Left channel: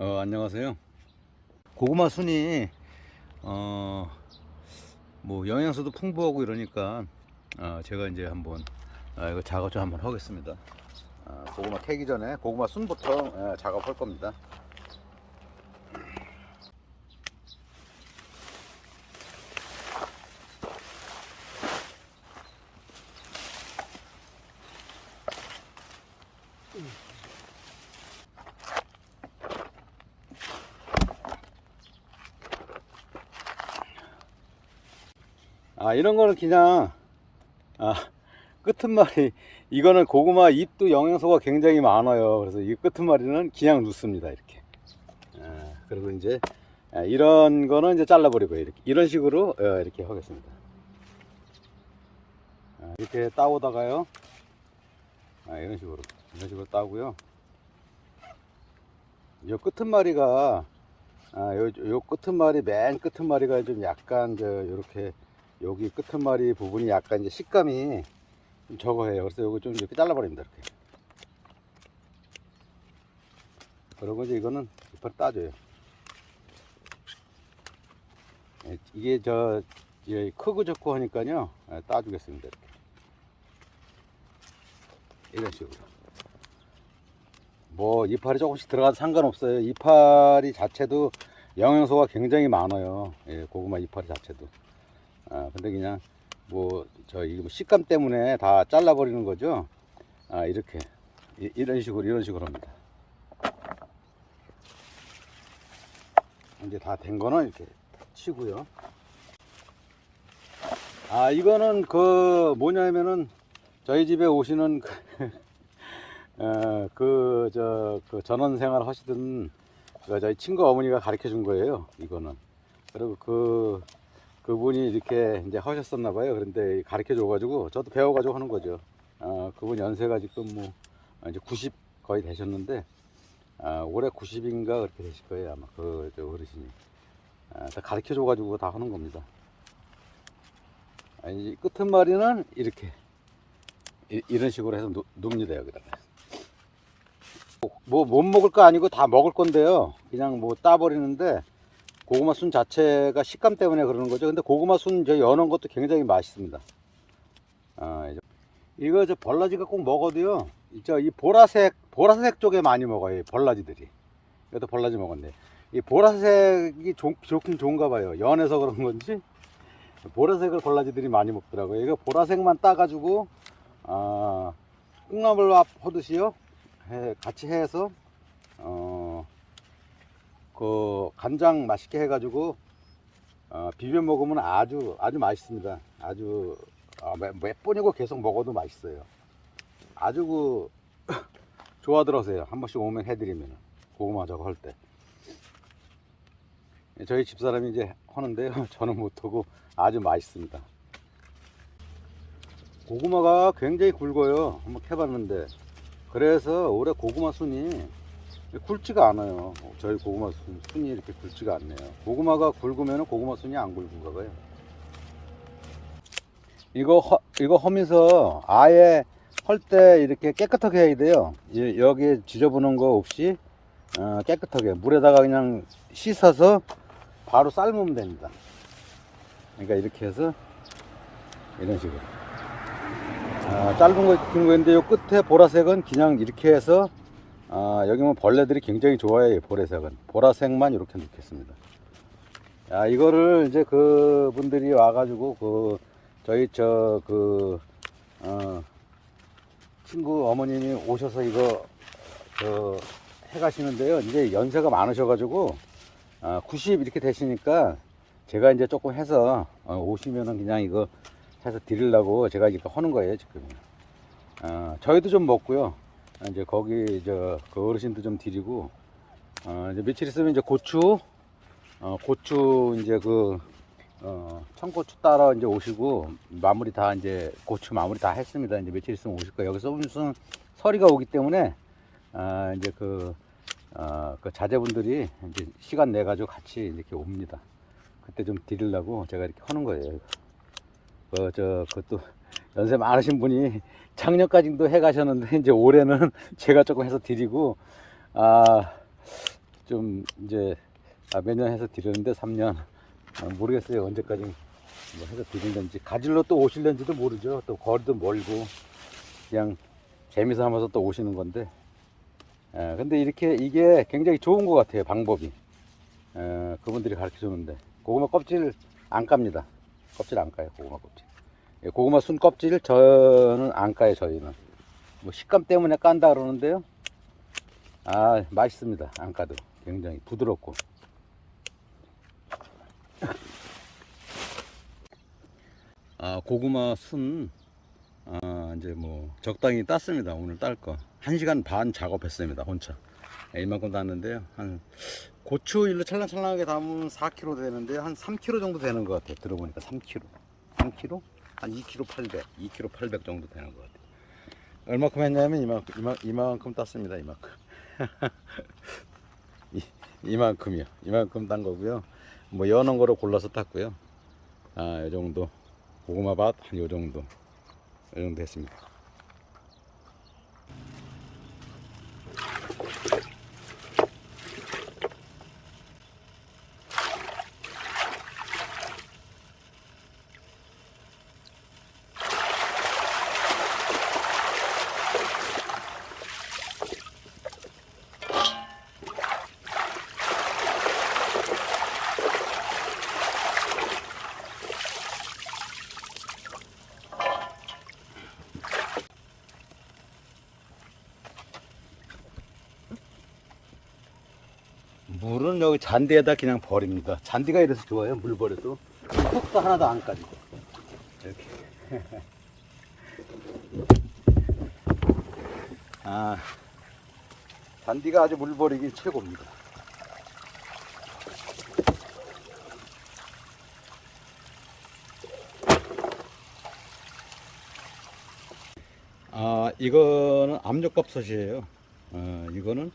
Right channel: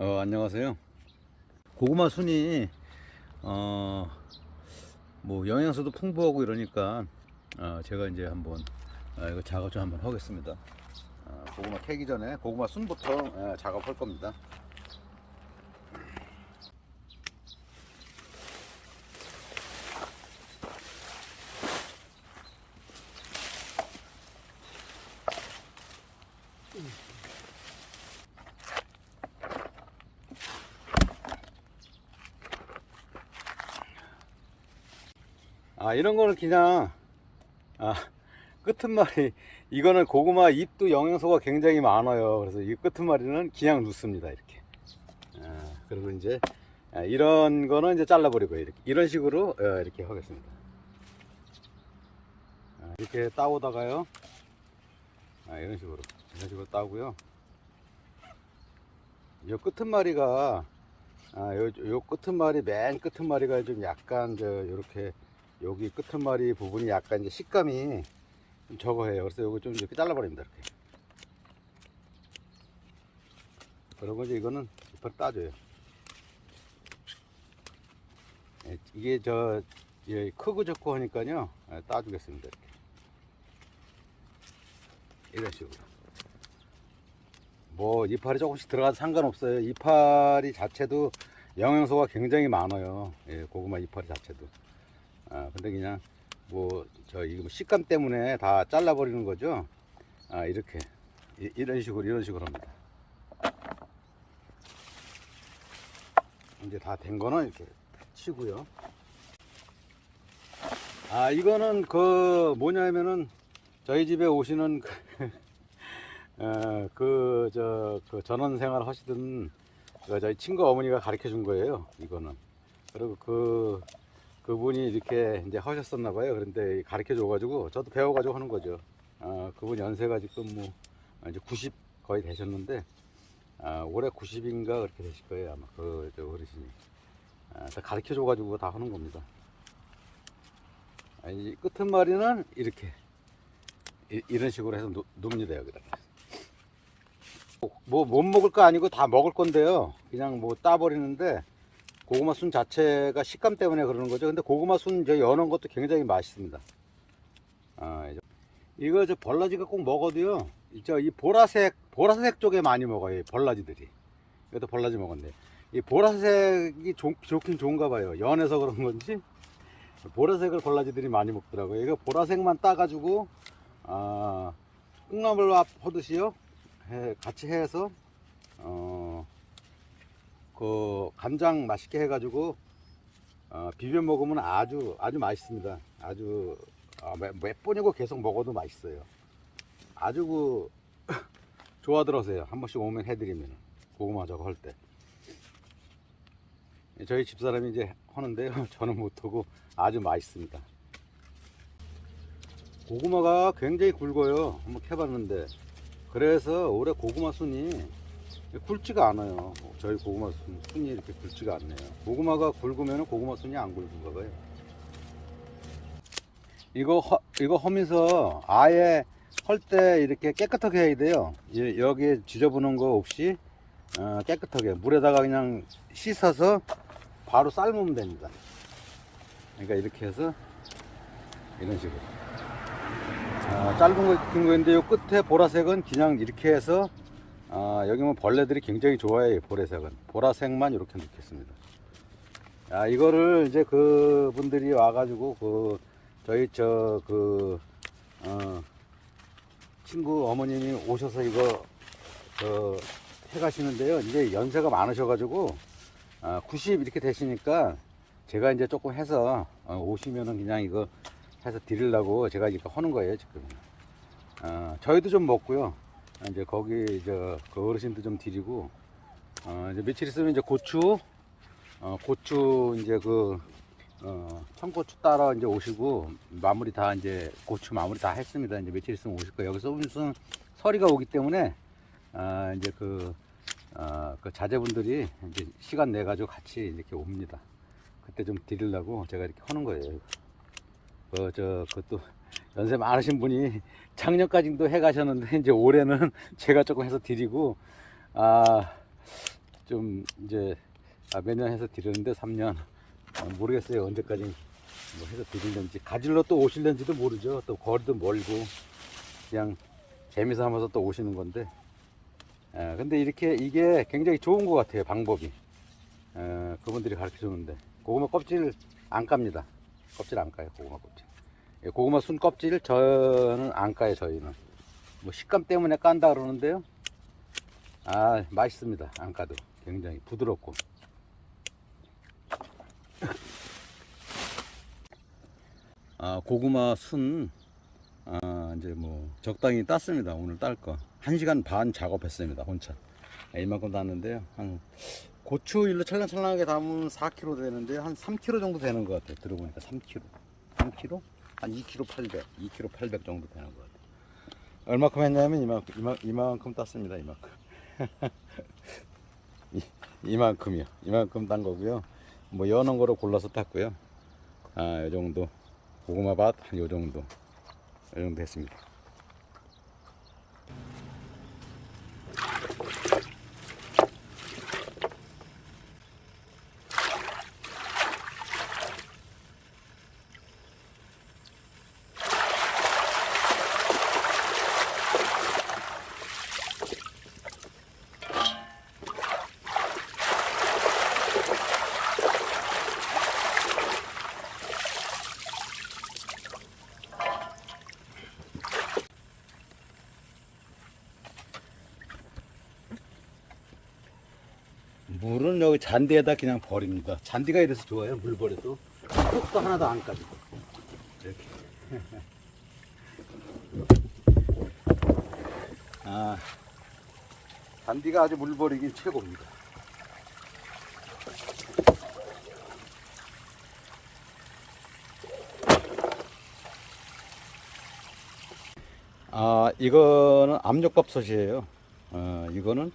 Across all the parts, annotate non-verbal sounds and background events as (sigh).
어, 안녕하세요. 고구마 순이 어, 뭐 영양소도 풍부하고 이러니까 어, 제가 이제 한번 아, 이거 작업 좀 한번 하겠습니다. 어, 고구마 캐기 전에 고구마 순부터 어, 작업할 겁니다. 아 이런 거는 그냥 아 끄트머리 이거는 고구마 잎도 영양소가 굉장히 많아요. 그래서 이 끄트머리는 그냥 넣습니다 이렇게. 아 그리고 이제 아, 이런 거는 이제 잘라버리고 이렇게 이런 식으로 어, 이렇게 하겠습니다. 아, 이렇게 따오다가요. 아, 이런 식으로 이런 식으로 따고요. 이 끄트머리가 아, 요, 요 끄트머리 맨 끄트머리가 좀 약간 저 요렇게 여기 끄트머리 부분이 약간 이제 식감이 좀 적어해요. 그래서 요거 좀 이렇게 잘라버립니다. 이렇게. 그리고 이제 이거는 이빨 따줘요. 예, 이게 저 예, 크고 적고 하니까요. 예, 따주겠습니다. 이렇게. 이런 식으로. 뭐 이파리 조금씩 들어가도 상관없어요. 이파리 자체도 영양소가 굉장히 많아요. 예, 고구마 이파리 자체도. 아, 근데 그냥 뭐 저 이거 뭐 식감 때문에 다 잘라버리는 거죠. 아, 이렇게 이, 이런 식으로 이런 식으로 합니다. 이제 다 된 거는 이렇게 치고요. 아, 이거는 그 뭐냐면은 저희 집에 오시는 그, (laughs) 어, 그, 저, 그 전원 생활 하시던 그 저희 친구 어머니가 가르쳐 준 거예요. 이거는. 그리고 그, 그분이 이렇게 이제 하셨었나 봐요. 그런데 가르쳐 줘가지고 저도 배워가지고 하는 거죠. 아, 그분 연세가 지금 뭐 이제 90 거의 되셨는데 아, 올해 90인가 그렇게 되실 거예요. 아마 그저 어르신이. 아, 가르쳐 줘가지고 다 하는 겁니다. 아, 이 끝머리는 이렇게 이, 이런 식으로 해서 놓, 눕니다 여기다가. 뭐 못 먹을 거 아니고 다 먹을 건데요. 그냥 뭐 따버리는데 고구마 순 자체가 식감 때문에 그러는 거죠. 근데 고구마 순저 연한 것도 굉장히 맛있습니다. 아, 이제 이거 저 벌라지가 꼭 먹어도요. 저이 보라색 보라색 쪽에 많이 먹어요. 이 벌라지들이. 이것도 벌라지 먹었네. 이 보라색이 좋, 좋긴 좋은가 봐요. 연해서 그런 건지 보라색을 벌라지들이 많이 먹더라고요. 이거 보라색만 따가지고 아, 콩나물밥 하듯이요. 해- 같이 해서 어, 그 간장 맛있게 해가지고 어, 비벼 먹으면 아주 아주 맛있습니다. 아주 아, 몇, 몇 번이고 계속 먹어도 맛있어요. 아주 그 (coughs) 좋아 들어서요. 한 번씩 오면 해드리면 고구마 저거 할 때. 저희 집사람이 이제 하는데요. (laughs) 저는 못하고 아주 맛있습니다. 고구마가 굉장히 굵어요. 한번 캐봤는데 그래서 올해 고구마 순이 굵지가 않아요. 저희 고구마 순, 순이 이렇게 굵지가 않네요. 고구마가 굵으면 고구마 순이 안 굵은가 봐요. 이거 허, 이거 하면서 아예 할때 이렇게 깨끗하게 해야 돼요. 이- 여기에 지저분한 거 없이 어, 깨끗하게 물에다가 그냥 씻어서 바로 삶으면 됩니다. 그러니까 이렇게 해서 이런 식으로. 아, 짧은 거 긴 거인데 요 끝에 보라색은 그냥 이렇게 해서 아, 여기 보면 벌레들이 굉장히 좋아해요 보라색은. 보라색만 이렇게 넣겠습니다. 아 이거를 이제 그 분들이 와가지고 그 저희 저 그 어, 친구 어머님이 오셔서 이거 그 해가시는데요. 이제 연세가 많으셔가지고 아, 90 이렇게 되시니까 제가 이제 조금 해서 어, 오시면은 그냥 이거 해서 드리려고 제가 이거 하는 거예요 지금. 어, 저희도 좀 먹고요 이제 거기 저그 어르신도 좀 드리고 어, 이제 며칠 있으면 이제 고추 어, 고추 이제 그 어, 청고추 따라 이제 오시고 마무리 다 이제 고추 마무리 다 했습니다. 이제 며칠 있으면 오실 거예요. 여기서 무슨 설이가 오기 때문에 아, 이제 그, 어, 그 자제분들이 이제 시간 내 가지고 같이 이렇게 옵니다. 그때 좀 드리려고 제가 이렇게 하는 거예요. 그, 저, 그것도 연세 많으신 분이 작년까지도 해 가셨는데 이제 올해는 (laughs) 제가 조금 해서 드리고 아좀 이제 아, 매년 해서 드리는데 3년. 아, 모르겠어요. 언제까지 뭐 해서 드리는지. 가질러 또 오실는지도 모르죠. 또 거리도 멀고 그냥 재미 삼아서 또 오시는 건데. 아, 근데 이렇게 이게 굉장히 좋은 것 같아요 방법이. 어, 그분들이 가르쳐 주는데. 고구마 껍질 안 깝니다. 껍질 안 까요 고구마 껍질. 예, 고구마 순 껍질 저는 안 까요 저희는 뭐 식감 때문에 깐다 그러는데요 아 맛있습니다 안 까도 굉장히 부드럽고 아 고구마 순 아, 이제 뭐 적당히 땄습니다. 오늘 딸 거. 1시간 반 작업했습니다. 혼자. 예, 이만큼 땄는데요. 한 고추 일로 찰랑찰랑하게 담으면 4kg 되는데 한 3kg 정도 되는 것 같아요. 들어보니까 3kg. 3kg? 한 2kg 800. 2kg 800 정도 되는 것 같아요. 얼마큼 했냐면 이만큼 이만, 이만큼 땄습니다. 이만큼. (laughs) 이, 이만큼이요. 이만큼 딴 거고요. 뭐 연한 거로 골라서 땄고요. 아, 요 정도. 고구마 밭 한 요 정도. 이 정도 했습니다. 물은 여기 잔디에다 그냥 버립니다. 잔디가 이래서 좋아요. 물 버려도 흙도 하나도 안 까지고 이렇게. (laughs) 아, 잔디가 아주 물 버리기 최고입니다. 아, 이거는 압력밥솥이에요. 어, 이거는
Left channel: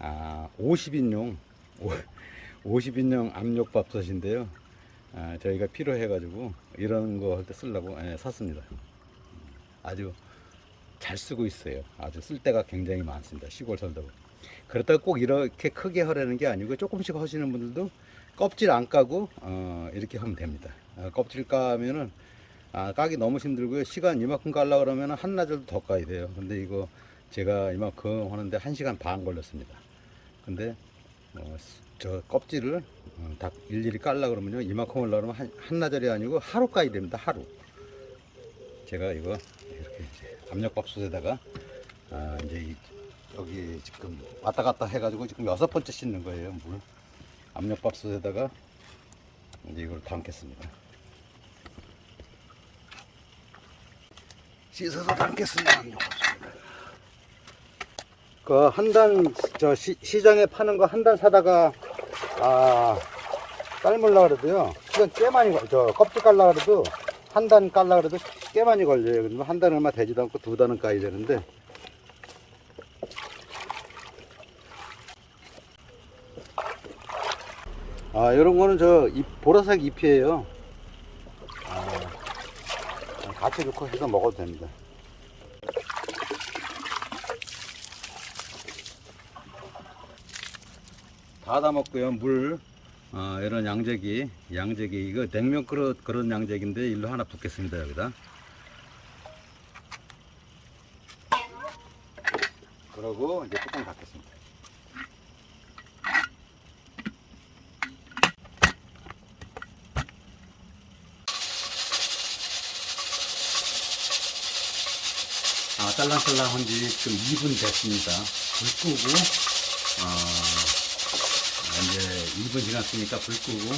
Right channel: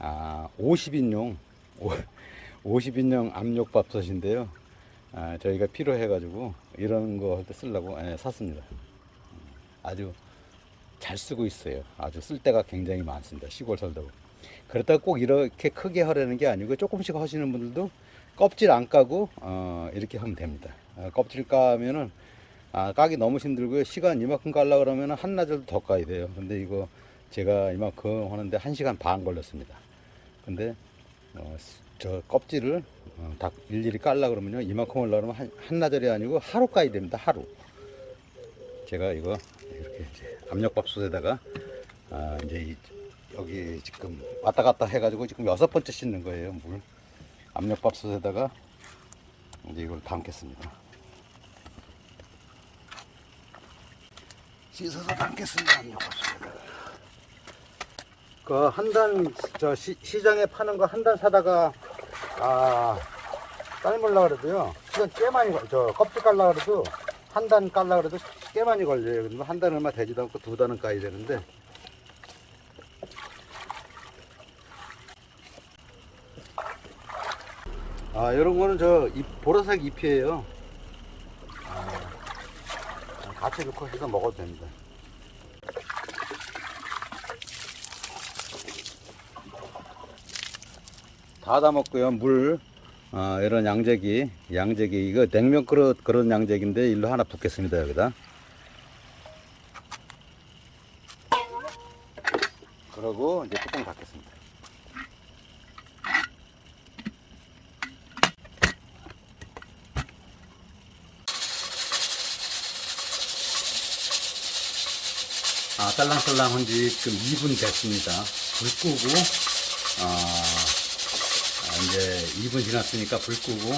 아, 50인용 50인용 압력밥솥인데요. 아, 저희가 필요해가지고 이런 거 할 때 쓰려고 예, 샀습니다. 아주 잘 쓰고 있어요. 아주 쓸 데가 굉장히 많습니다. 시골 살다 보면. 그렇다고 꼭 이렇게 크게 하려는 게 아니고 조금씩 하시는 분들도 껍질 안 까고 어, 이렇게 하면 됩니다. 아, 껍질 까면은 아, 까기 너무 힘들고요. 시간 이만큼 깔라 그러면 한나절도 더 까야 돼요. 근데 이거 제가 이만큼 하는데 한 시간 반 걸렸습니다. 근데 어, 저 껍질을 어, 다 일일이 깔라 그러면요. 이만큼 올라 그러면 한, 한나절이 아니고 하루 까야 됩니다 하루. 제가 이거 이렇게 압력밥솥에다가 아, 이제 이- 여기 지금 왔다 갔다 해가지고 지금 여섯 번째 씻는 거예요 물. 압력밥솥에다가 이제 이걸 담겠습니다. 씻어서 담겠습니다 압력밥솥에다가 그 한 단 저 시장에 파는 거 한 단 사다가 아 삶으려 그래도요 시간 꽤 많이 걸- 저 껍질 깔라 그래도 한 단 깔라 그래도 꽤 많이 걸려요. 그러면 한단 얼마 되지도 않고 두 단은 까야 되는데 아 이런 거는 저 잎, 보라색 잎이에요. 아, 같이 넣고 해서 먹어도 됩니다. 다 담았고요. 물, 아, 이런 양재기, 양재기, 이거 냉면 그릇 그런 양재기인데 일로 하나 붓겠습니다. 여기다. 그러고 이제 뚜껑 닫겠습니다. 아, 딸랑딸랑한 지 지금 2분 됐습니다. 불 끄고, 아, 아, 이제 2분 지났으니까 불 끄고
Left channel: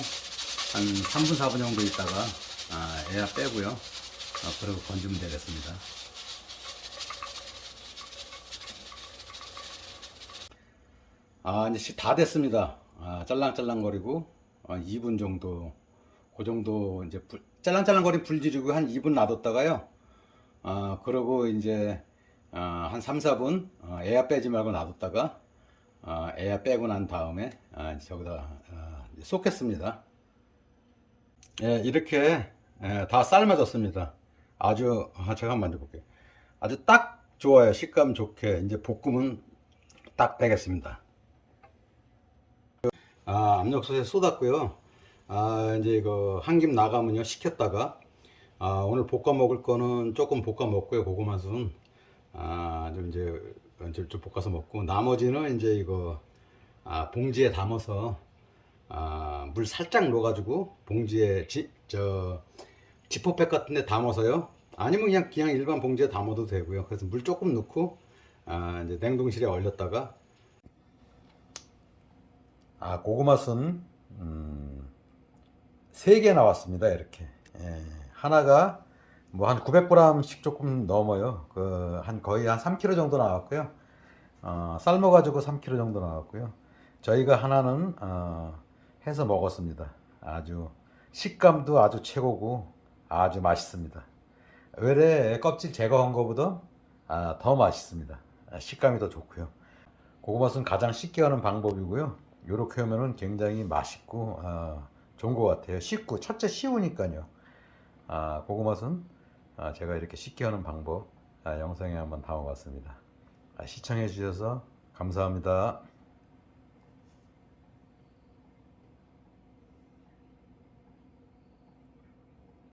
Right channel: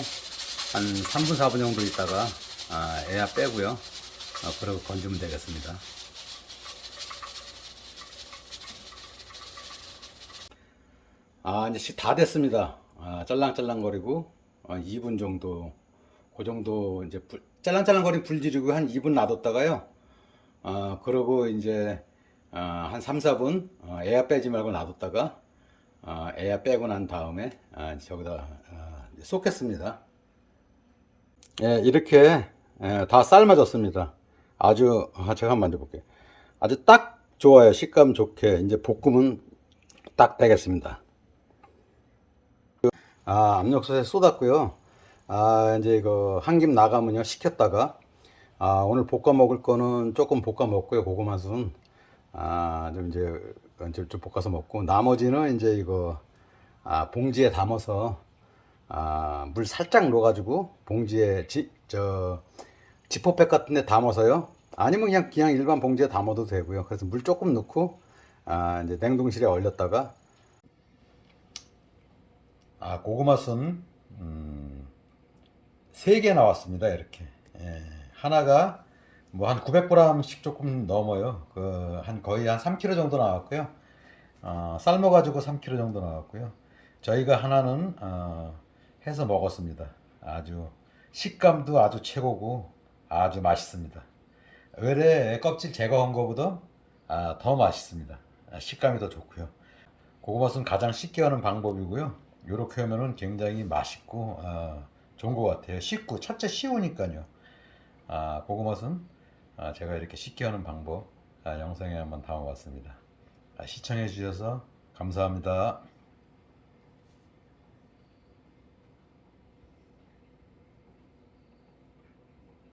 한 3분 4분 정도 있다가 아, 애야 빼고요. 아, 그리고 건지면 되겠습니다. 아 이제 시- 다 됐습니다. 아, 짤랑짤랑거리고 아, 2분 정도 그 정도 이제 불, 짤랑짤랑거린 불 지르고 한 2분 놔뒀다가요. 아 그러고 이제 아, 한 3, 4분 어, 애야 빼지 말고 놔뒀다가 아, 애야 빼고 난 다음에 아, 저기다 아, 쏟겠습니다. 예, 이렇게 예, 다 삶아졌습니다. 아주 아, 제가 한번 만져볼게요. 아주 딱 좋아요. 식감 좋게 이제 볶으면 딱 되겠습니다. 아, 압력솥에 쏟았고요. 아, 이제 이거 한 김 나가면요. 식혔다가 아, 오늘 볶아 먹을 거는 조금 볶아 먹고요. 고구마 순. 아, 좀 이제 좀, 좀 볶아서 먹고 나머지는 이제 이거 아, 봉지에 담아서 아, 물 살짝 넣어가지고 봉지에 지, 저 지퍼백 같은 데 담아서요. 아니면 그냥 그냥 일반 봉지에 담아도 되고요. 그래서 물 조금 넣고 아, 이제 냉동실에 얼렸다가 아, 고구마 순 음, 3개 나왔습니다. 이렇게. 예, 하나가 뭐 한 900g씩 조금 넘어요. 그 한 거의 한 3kg 정도 나왔고요. 어, 삶아 가지고 3kg 정도 나왔고요. 저희가 하나는 어, 해서 먹었습니다. 아주 식감도 아주 최고고 아주 맛있습니다. 외래 껍질 제거한 것보다 아, 더 맛있습니다. 아, 식감이 더 좋고요. 고구마순 가장 쉽게 하는 방법이고요. 이렇게 하면은 굉장히 맛있고 아, 좋은 것 같아요. 쉽고 첫째 쉬우니까요. 아, 고구마순 아, 제가 이렇게 쉽게 하는 방법 아, 영상에 한번 담아봤습니다. 아, 시청해 주셔서 감사합니다.